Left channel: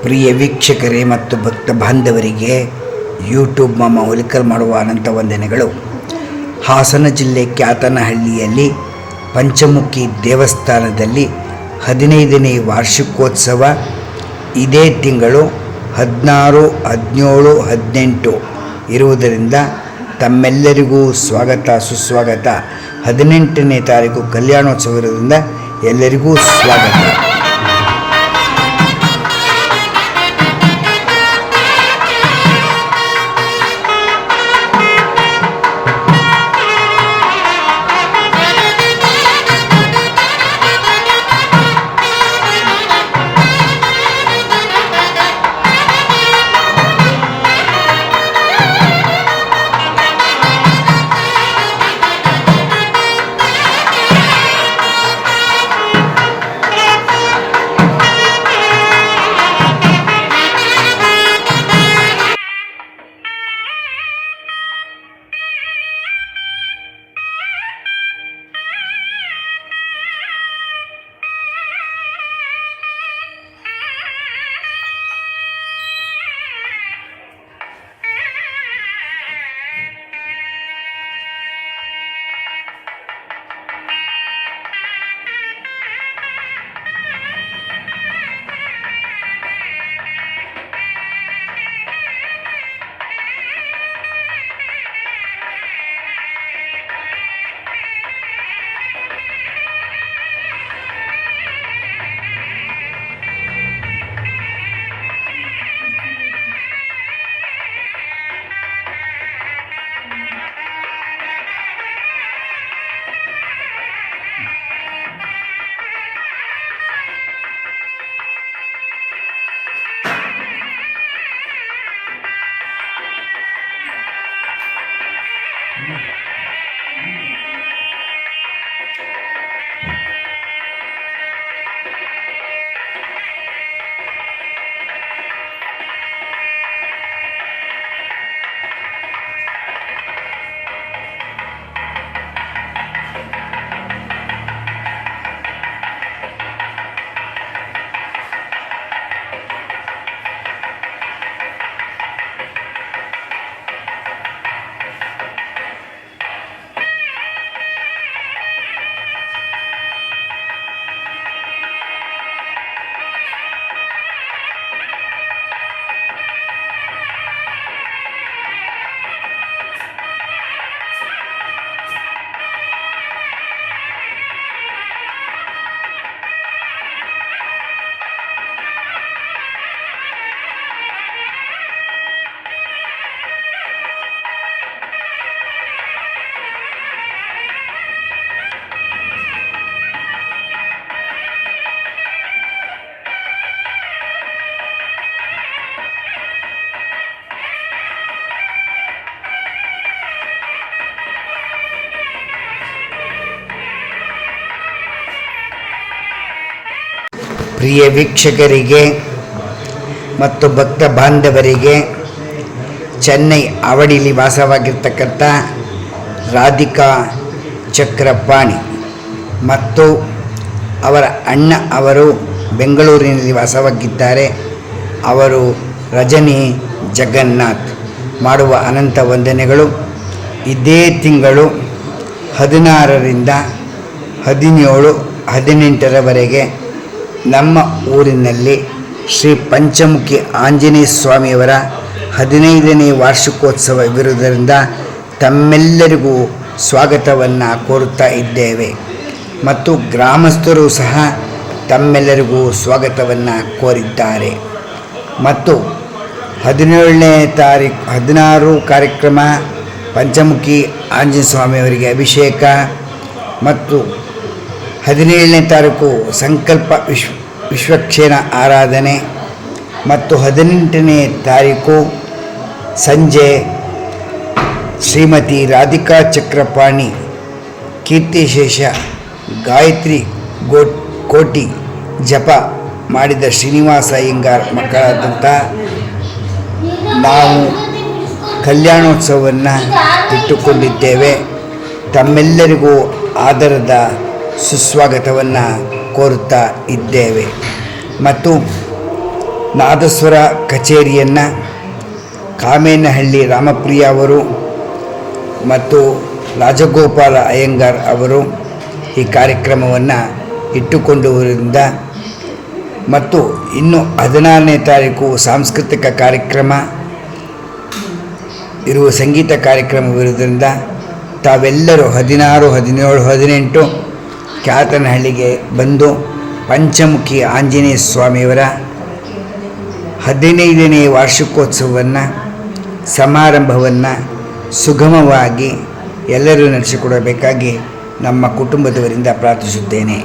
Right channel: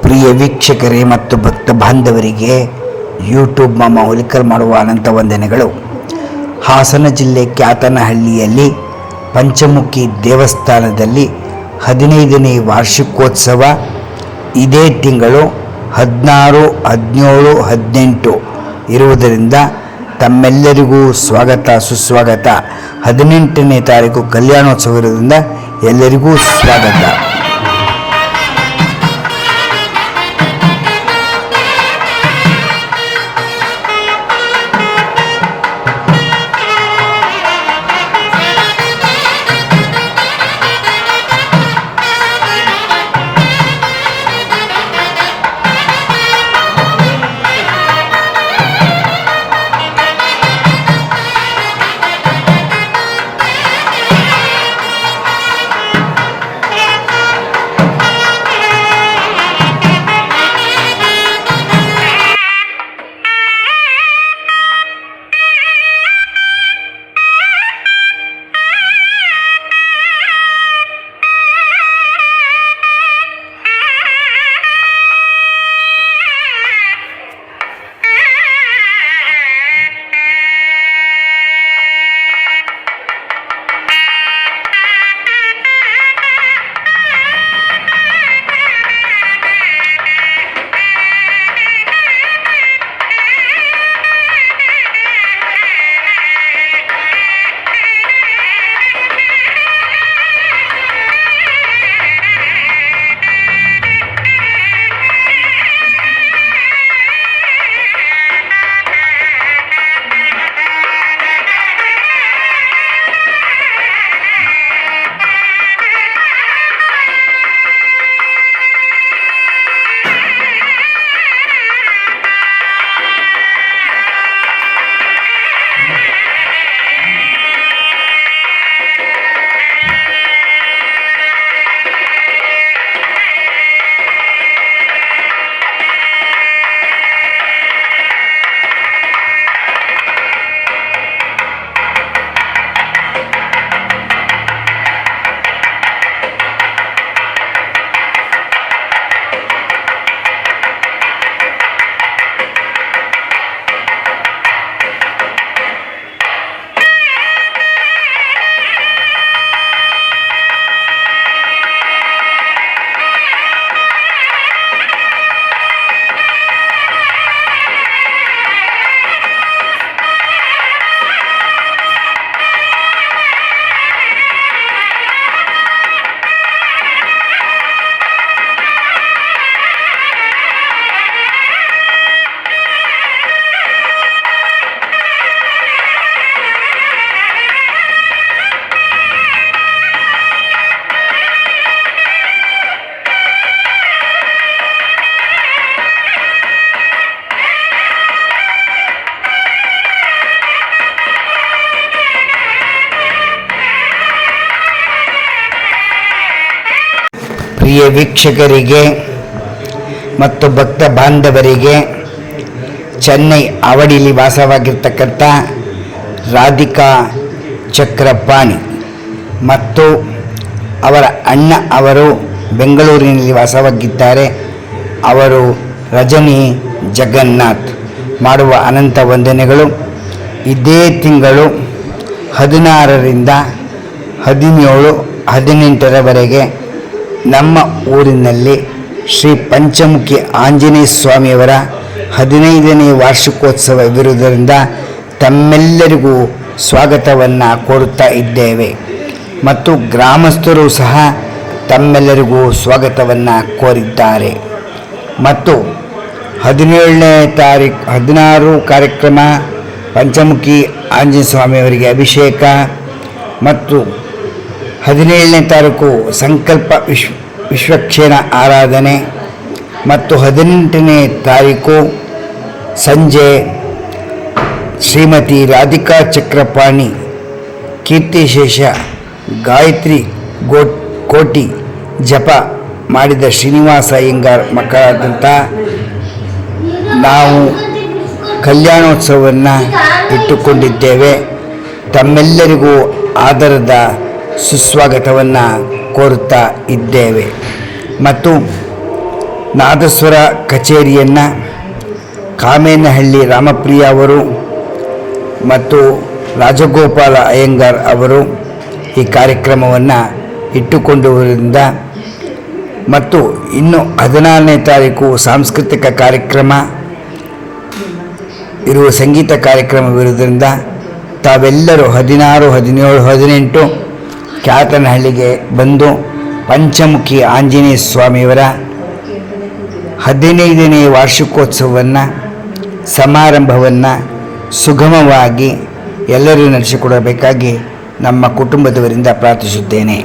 ಪ್ರಿಯ ವೀಕ್ಷಕರೇ ಮತ್ತು ಭಕ್ತ ಬಾಂಧವರಿಗೆ ಯೂಟ್ಯೂಬ್ ಮಾಮ ಹುಲಿಕಲ್ ಮಾಡುವ ಅನಂತ ವಂದನೆಗಳು. ಹಾಸನ ಜಿಲ್ಲೆ ಕ್ಯಾತನಹಳ್ಳಿಯಲ್ಲಿ ಪಂಚಮುಖಿ ದೇವಸ್ಥಾನದಲ್ಲಿ 15ನೇ ವಾರ್ಷಿಕೋತ್ಸವ ಇದೇ ತಿಂಗಳು 16, 17, 18 ಇರುವುದರಿಂದ ತಮ್ಮೆಲ್ಲರಿಗೂ ಸ್ವಾಗತ ಸುಸ್ವಾಗತ. 18ನೇ ತಾರೀಕು ಕಲ್ಯಾಣೋತ್ಸವ ಇರುವುದರಿಂದ ಎಲ್ಲರಿಗೂ ಸ್ವಾಗತ. ಪ್ರಿಯ ವೀಕ್ಷಕರಿಗೆ ಮತ್ತು ಭಕ್ತ ಬಾಂಧವರಿಗೆ ಚೆನ್ನೈ ಅವಡಿಲಿ ವಾಸವಾಗಿರ್ತಕ್ಕಂಥ ರಾಧಿಕಾ ಚಕ್ರಪಾಣಿ ಮತ್ತು ಅವರ ಅಣ್ಣ ಅವರು ಬೆಂಗಳೂರಿನಲ್ಲಿ ವಾಸವಾಗಿದ್ದಾರೆ. ಅವರು ರಜನಿ ಜಗನ್ನಾಥ್ ಮಾಡುವ ಅನಂತ ವಂದನೆಗಳು. ಇದೇ ತಿಂಗಳು 16ರಿಂದ 17, 18ರವರೆಗೆ ನಮ್ಮ ಊರಿನಲ್ಲಿ ಶ್ರೀ ಪಂಚಮುಖಿ ಆಂಜನೇಯ ಸ್ವಾಮಿಯವರ 15ನೇ ವಾರ್ಷಿಕೋತ್ಸವವಿರುವುದರಿಂದ ತಮ್ಮೆಲ್ಲರಿಗೂ ಸ್ವಾಗತವನ್ನು ಕೋರುತ್ತಾ ಇದ್ದೇವೆ ಮತ್ತು ಗ್ರಾಮಸ್ಥರು ಸಹ ತಮ್ಮೆಲ್ಲರಿಗೂ ಸ್ವಾಗತವನ್ನು ಕೋರಿದ್ದಾರೆ. ಮತ್ತು 17ನೇ ತಾರೀಕು 16 ಕಾರ್ಯಕ್ರಮ ಪಂಚಮುಖಿ ಆಂಜನೇಯ ಸ್ವಾಮಿಯವರಿಗೆ ಅಭಿಷೇಕ ಮತ್ತು 17ನೇ ತಾರೀಕು ಸಂಕಲ್ಪ ವಿಶ್ವಕ್ಷೇಣ ಆರಾಧನೆ ಮತ್ತು 18ನೇ ತಾರೀಕು ಸಂಜೆ ಶ್ರೀಮತಿ ರಾಧಿಕಾ ಚಕ್ರಪಾಣಿ ಕೀರ್ತಿಶೇಷ ಗಾಯತ್ರಿ ಕೋಟಿ ಜಪ ಮಾಡಿದ ಶ್ರೀನಿವಾಸ ಅಯ್ಯಂಗಾರ್ ಮಕ್ಕಳಾದಂಥ ನಾವು ಕಲ್ಯಾಣೋತ್ಸವವನ್ನು ಇಟ್ಟುಕೊಂಡಿದ್ದೇವೆ. ತಮ್ಮೆಲ್ಲರಿಗೂ ಆದರದ ಸುಸ್ವಾಗತವನ್ನು ಕೋರುತ್ತಾ ಇದ್ದೇವೆ ಮತ್ತು ನಾದಸ್ವರ ಕಚೇರಿಯನ್ನು ಕಾಮೇನಹಳ್ಳಿ ರಾಮಪ್ರಿಯ ಅವರು ಮತ್ತು ರಾಜಗೋಪಾಲ ಅಯ್ಯಂಗಾರ್ ಅವರು ಈ ಕಾರ್ಯಕ್ರಮವನ್ನು ಇಟ್ಟುಕೊಂಡುವುದರಿಂದ ಮತ್ತು ಇನ್ನು 16ನೇ ತಾರೀಕು ಸಾಂಸ್ಕೃತಿಕ ಕಾರ್ಯಕ್ರಮ ಇರುವ ಸಂಗೀತ ಕಾರ್ಯಕ್ರಮವಿರುವುದರಿಂದ ತಾವೆಲ್ಲರೂ 16, 17, 18 ಕ್ಯಾತನಹಳ್ಳಿಗೆ ಬಂದು ಪಂಚಮುಖಿ ಆಂಜನೇಯ ಸ್ವಾಮಿಯವರ 15ನೇ ವಾರ್ಷಿಕೋತ್ಸವವನ್ನು ಸಮಾರಂಭವನ್ನು ಸುಗಮವಾಗಿ ಎಲ್ಲರೂ ನಡೆಸಿಕೊಡಬೇಕಾಗಿ ನಮ್ಮ ಕುಟುಂಬದವರಿಂದ ಪ್ರಾರ್ಥಿಸುತ್ತೇನೆ.